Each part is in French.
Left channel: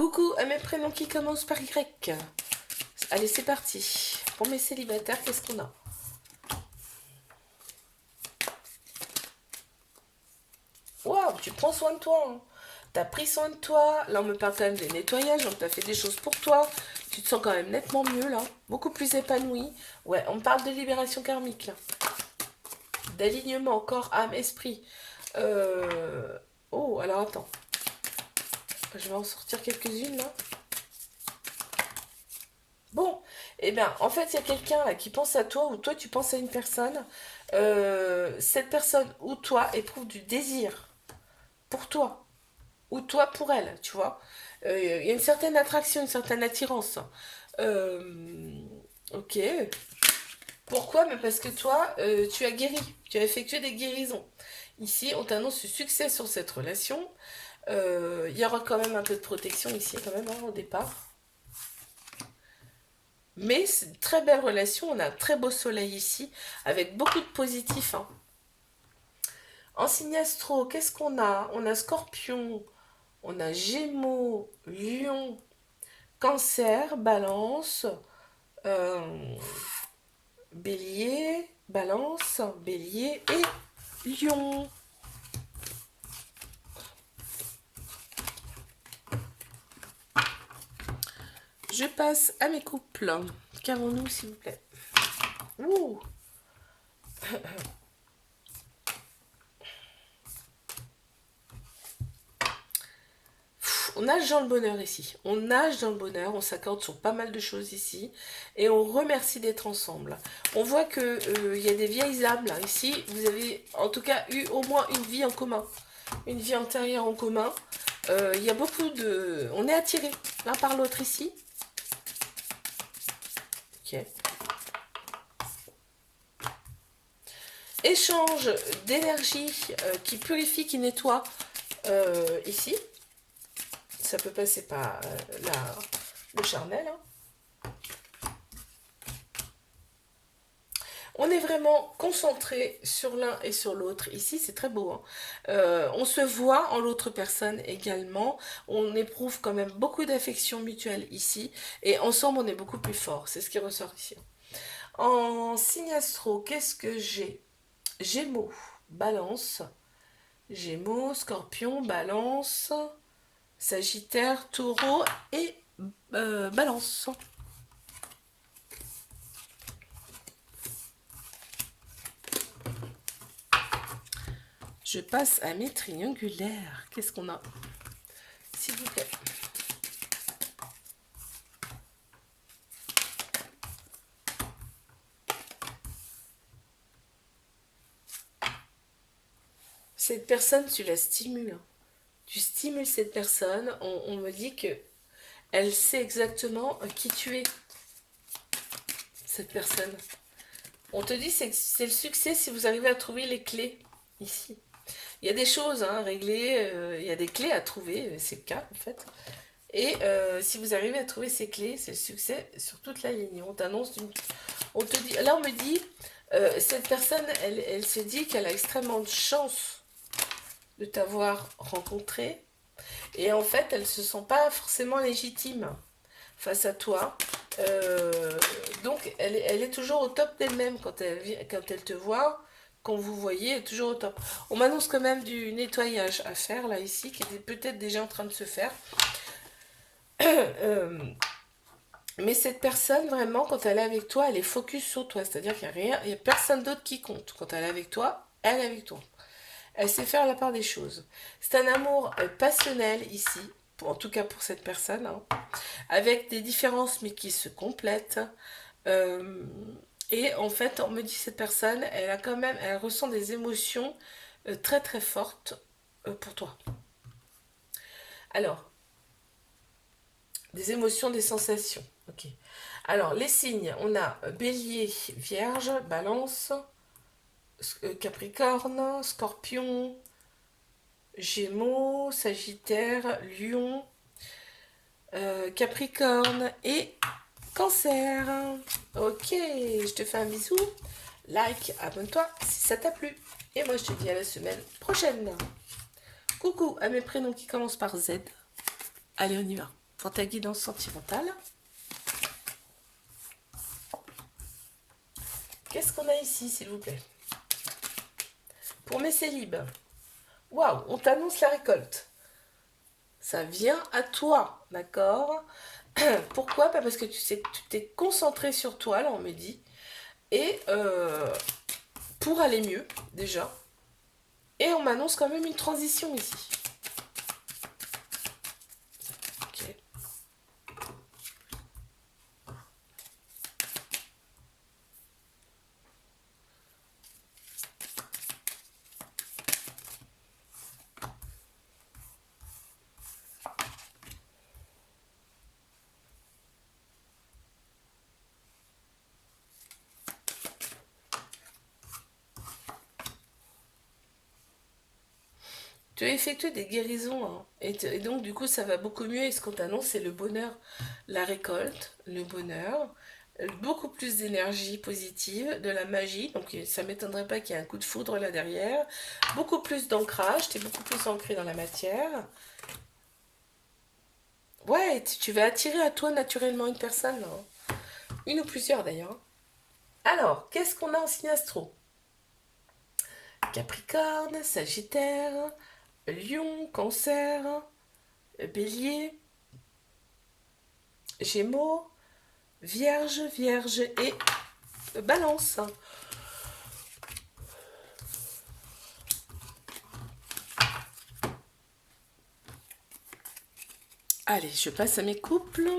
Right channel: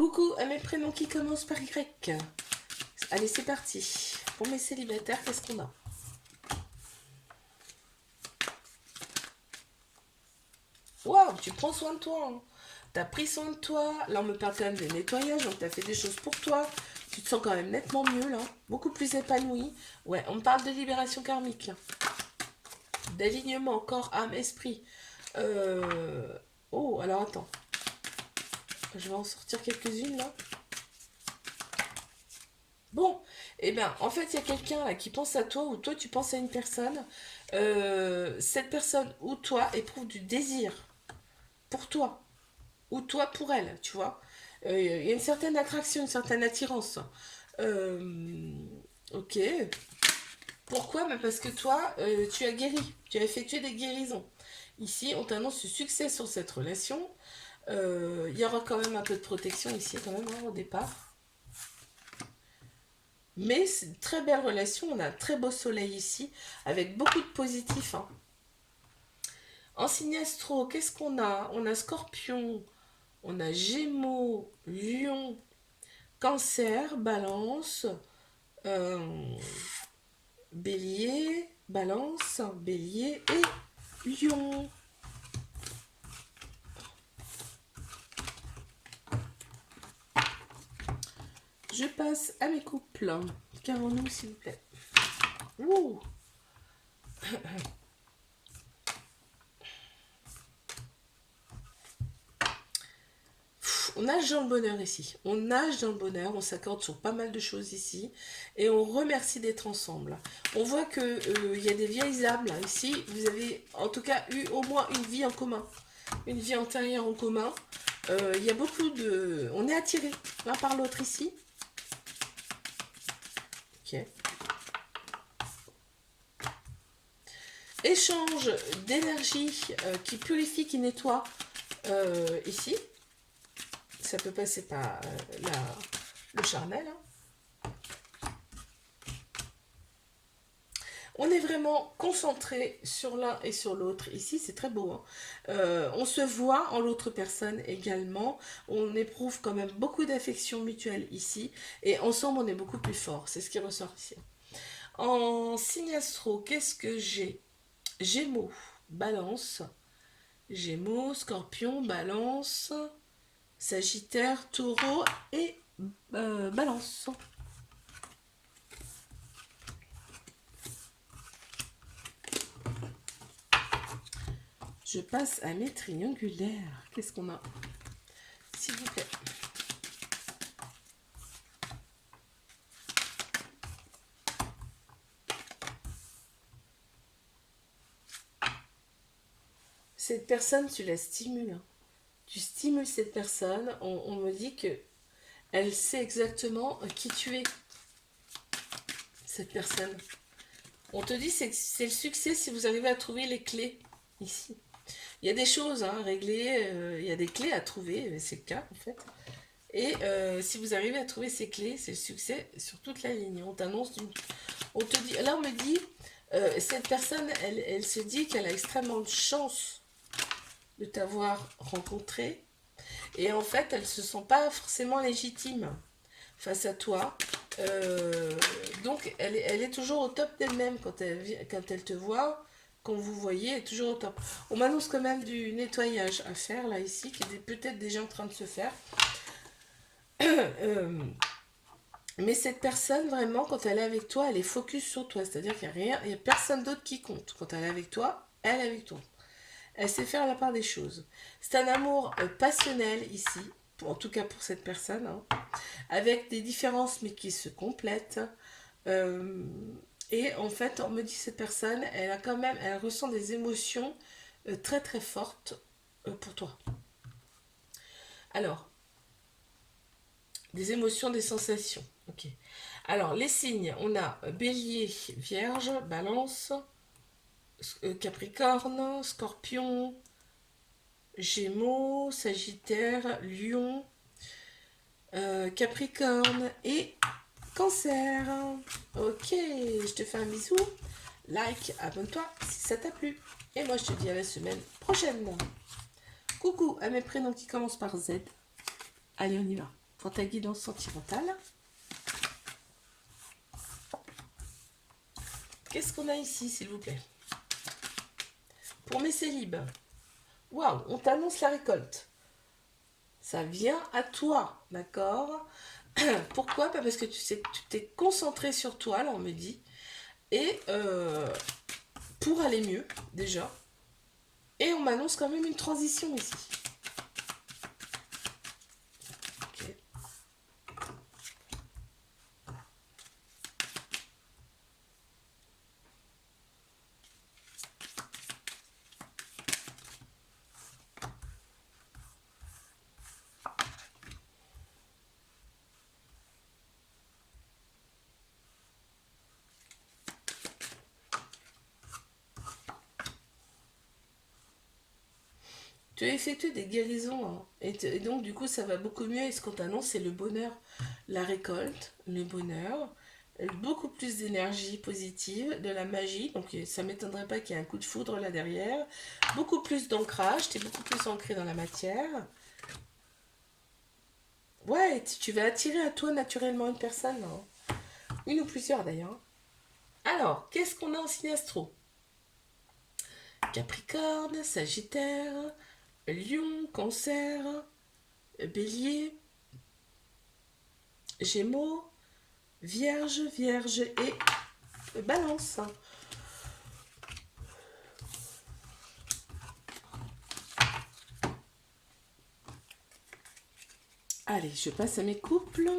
Coucou à mes prénoms qui commencent par Y. Allez, c'est parti. Pour mes célibataires, qu'est-ce qu'on a? Waouh, tu prends soin de toi. Hein. T'as pris soin de toi. Là, on me parle quand même des nettoyages, donc t'as fait des choses pour toi. Tu te sens quand même nettement mieux, là. Beaucoup plus épanoui. Ouais, on me parle de libération karmique, là. D'alignement, corps, âme, esprit. Oh, alors attends. Je vais en sortir quelques-unes, là. Bon, eh bien, en fait, il y a quelqu'un là qui pense à toi ou toi tu penses à une personne. Cette personne ou toi éprouve du désir pour toi ou toi pour elle, tu vois. Il y a une certaine attraction, une certaine attirance. Euh, ok. Pourquoi? Mais parce que toi, tu as guéri, tu as effectué des guérisons. Ici, on t'annonce le succès sur cette relation. Il y aura quand même un peu de protection ici, quand même, hein, au départ. Mais c'est une très belle relation. On a un très beau soleil ici, avec beaucoup de positifs. Hein. En signe astro, qu'est-ce qu'on a? On a Scorpion, on a Gémeaux, Lion, Cancer, Balance, euh, Bélier, Balance, Bélier et Lion. Je passe à mes couples. Qu'avons-nous, s'il vous plaît? Ouh. On nage dans le bonheur ici. On nage dans le bonheur, on s'accorde sur pas mal de choses ici. Et on remercie d'être ensemble. On voit que y a des vieilles âmes là. Ici, vous avez en tout cas eu au moins une vie en commun. Une vie antérieure en commun. Il y a beaucoup de... On est attirés l'un par l'autre ici. Ok. Échange d'énergie qui purifie, qui nettoie ici. Ça peut passer par le charnel. Hein. On est vraiment concentré sur l'un et sur l'autre. Ici, c'est très beau. Hein. On se voit en l'autre personne également. On éprouve quand même beaucoup d'affection mutuelle ici. Et ensemble, on est beaucoup plus fort. C'est ce qui ressort ici. En signe astro, qu'est-ce que j'ai? Gémeaux, Balance. Gémeaux, Scorpion, Balance. Sagittaire, Taureau et Balance. Je passe à mes triangulaires. Qu'est-ce qu'on a? S'il vous plaît. Cette personne, tu la stimules. Hein. Tu stimules cette personne. On me dit que elle sait exactement qui tu es. Cette personne. On te dit que c'est le succès si vous arrivez à trouver les clés ici. Il y a des choses à régler, il y a des clés à trouver, c'est le cas en fait. Et si vous arrivez à trouver ces clés, c'est le succès sur toute la ligne. On t'annonce on te dit, là on me dit, cette personne, elle se dit qu'elle a extrêmement de chance de t'avoir rencontré. Et en fait, elle ne se sent pas forcément légitime face à toi. Donc, elle est toujours au top d'elle-même quand elle te voit. Quand vous voyez, elle est toujours au top. On m'annonce quand même du nettoyage à faire, là, ici, qui était peut-être déjà en train de se faire. Mais cette personne, vraiment, quand elle est avec toi, elle est focus sur toi. C'est-à-dire qu'il n'y a rien, il n'y a personne d'autre qui compte. Quand elle est avec toi, elle est avec toi. Elle sait faire la part des choses. C'est un amour passionnel ici, en tout cas pour cette personne, hein, avec des différences mais qui se complètent. Et en fait, on me dit cette personne, elle a quand même, elle ressent des émotions très très fortes pour toi. Alors, des émotions, des sensations. Ok. Alors, les signes, on a Bélier, Vierge, Balance, Capricorne, Scorpion, Gémeaux, Sagittaire, Lion, Capricorne et Cancer. Ok, je te fais un bisou. Like, abonne-toi si ça t'a plu. Et moi, je te dis à la semaine prochaine. Coucou à mes prénoms qui commencent par Z. Allez, on y va. pour ta guidance sentimentale. Qu'est-ce qu'on a ici, s'il vous plaît? Pour mes célibes. Waouh, on t'annonce la récolte. Ça vient à toi, d'accord? Pourquoi? Parce que tu sais, tu t'es concentré sur toi, là, on me dit. Et pour aller mieux, déjà. Et on m'annonce quand même une transition ici. Ok. Tu as effectué des guérisons, hein, et donc du coup ça va beaucoup mieux. Et ce qu'on t'annonce, c'est le bonheur, la récolte, le bonheur, beaucoup plus d'énergie positive, de la magie. Donc ça m'étonnerait pas qu'il y ait un coup de foudre là derrière. Beaucoup plus d'ancrage, tu es beaucoup plus ancré dans la matière. Ouais, tu vas attirer à toi naturellement une personne, hein. Une ou plusieurs d'ailleurs. Alors, qu'est-ce qu'on a en signe astro? Capricorne, Sagittaire, Lion, Cancer, Bélier, Gémeaux, Vierge, Vierge et Balance. Allez, je passe à mes couples.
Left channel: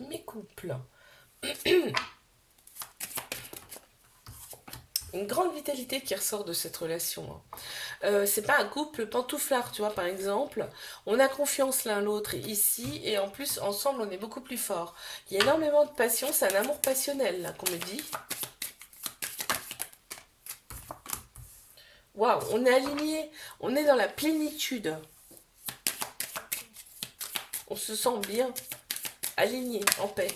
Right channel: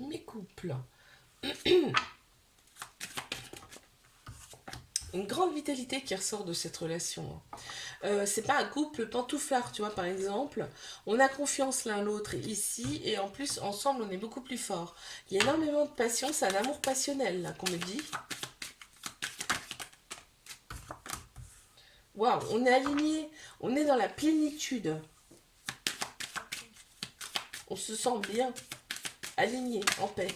Mes couples. Une grande vitalité qui ressort de cette relation, hein. C'est pas un couple pantouflard, tu vois, par exemple. On a confiance l'un l'autre ici, et en plus, ensemble, on est beaucoup plus fort. Il y a énormément de passion, c'est un amour passionnel, là, qu'on me dit. Waouh, on est aligné, on est dans la plénitude. On se sent bien, aligné, en paix.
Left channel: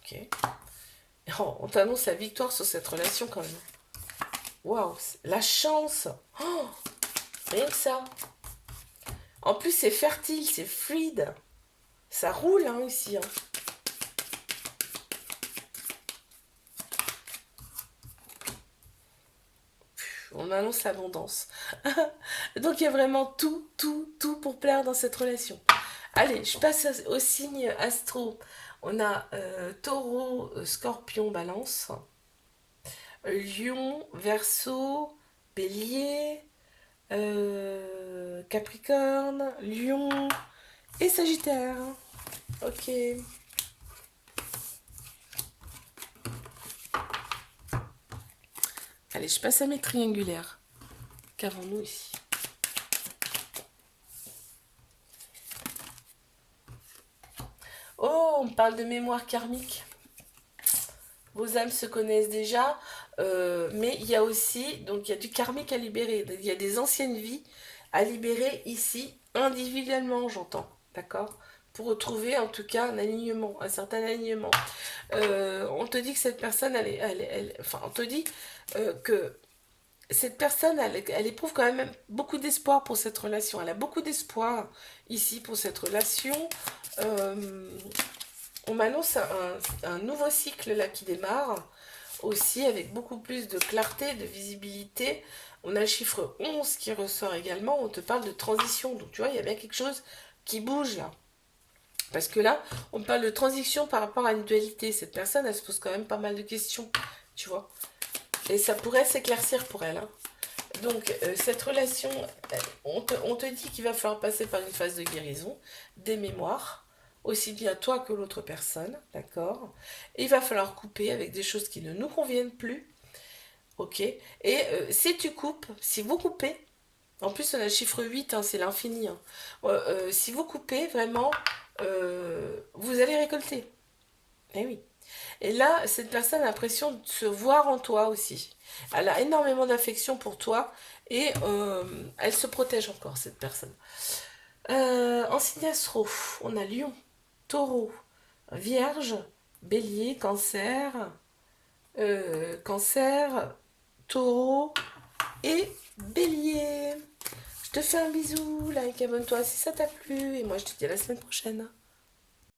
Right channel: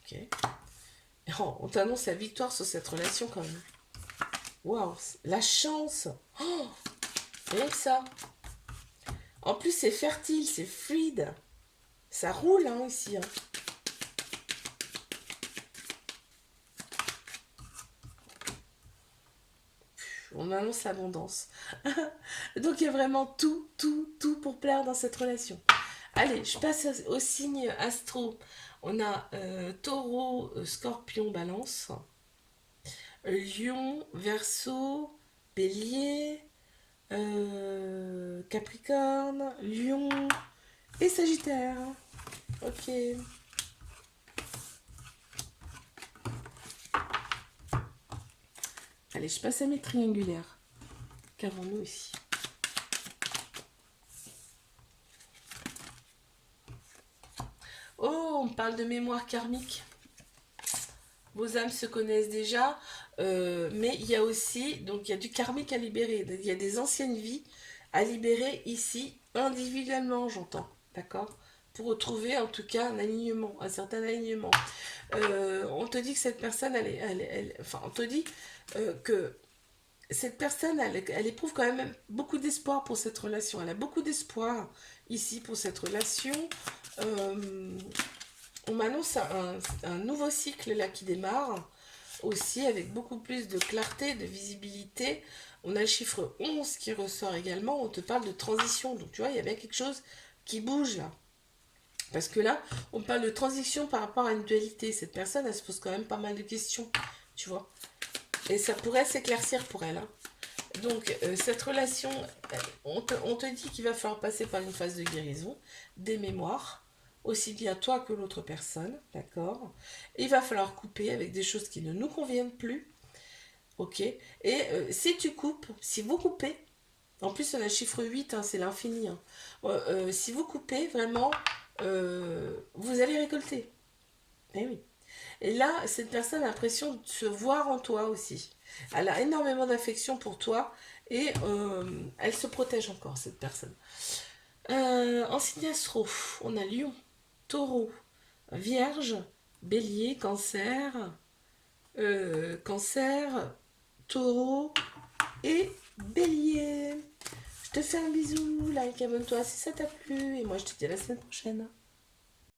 Ok. Oh, on t'annonce la victoire sur cette relation quand même. Waouh, la chance. Oh, rien que ça. En plus, c'est fertile, c'est fluide. Ça roule, hein, ici, hein. On annonce l'abondance. Donc, il y a vraiment tout, tout, tout pour plaire dans cette relation. Allez, je passe au signe astro. On a taureau, scorpion, balance. Lion, verseau, bélier, capricorne, lion et sagittaire. Ok. Allez, je passe à mes triangulaires. Qu'avons-nous ici? Oh, on parle de mémoire karmique. Vos âmes se connaissent déjà, mais il y a aussi, donc il y a du karmique à libérer. Il y a des anciennes vies à libérer ici, individuellement, j'entends. D'accord? Pour retrouver en tout cas un alignement, un certain alignement. On te dit que cette personne, enfin, on te dit que cette personne, elle éprouve quand même beaucoup d'espoir pour cette relation. Elle a beaucoup d'espoir ici pour cette relation. Euh, on m'annonce un nouveau cycle là qui démarre aussi avec beaucoup plus de clarté, de visibilité. On a le chiffre 11 qui ressort également. On te parle de transition. Donc tu vois, il y a bien quelque chose qui bouge là. Parce que là, on parle de transition par rapport à une dualité. Cette personne, elle se pose quand même pas mal de questions, tu vois. Et ça pourrait s'éclaircir pour elle, hein. Donc, cette relation, on te dit qu'il va falloir passer par une phase de guérison, des mémoires, aussi bien toi que l'autre personne, d'accord? Et il va falloir couper avec des choses qui ne nous conviennent plus, ok? Et si tu coupes, si vous coupez, en plus on a le chiffre 8, hein, c'est l'infini, hein. Si vous coupez, vraiment, vous allez récolter. Eh oui. Et là, cette personne a l'impression de se voir en toi aussi. Elle a énormément d'affection pour toi et elle se protège encore, cette personne. En signe astro, on a Lion, Taureau, Vierge, Bélier, Cancer, Taureau et Bélier. Je te fais un bisou, like, abonne-toi si ça t'a plu et moi je te dis à la semaine prochaine.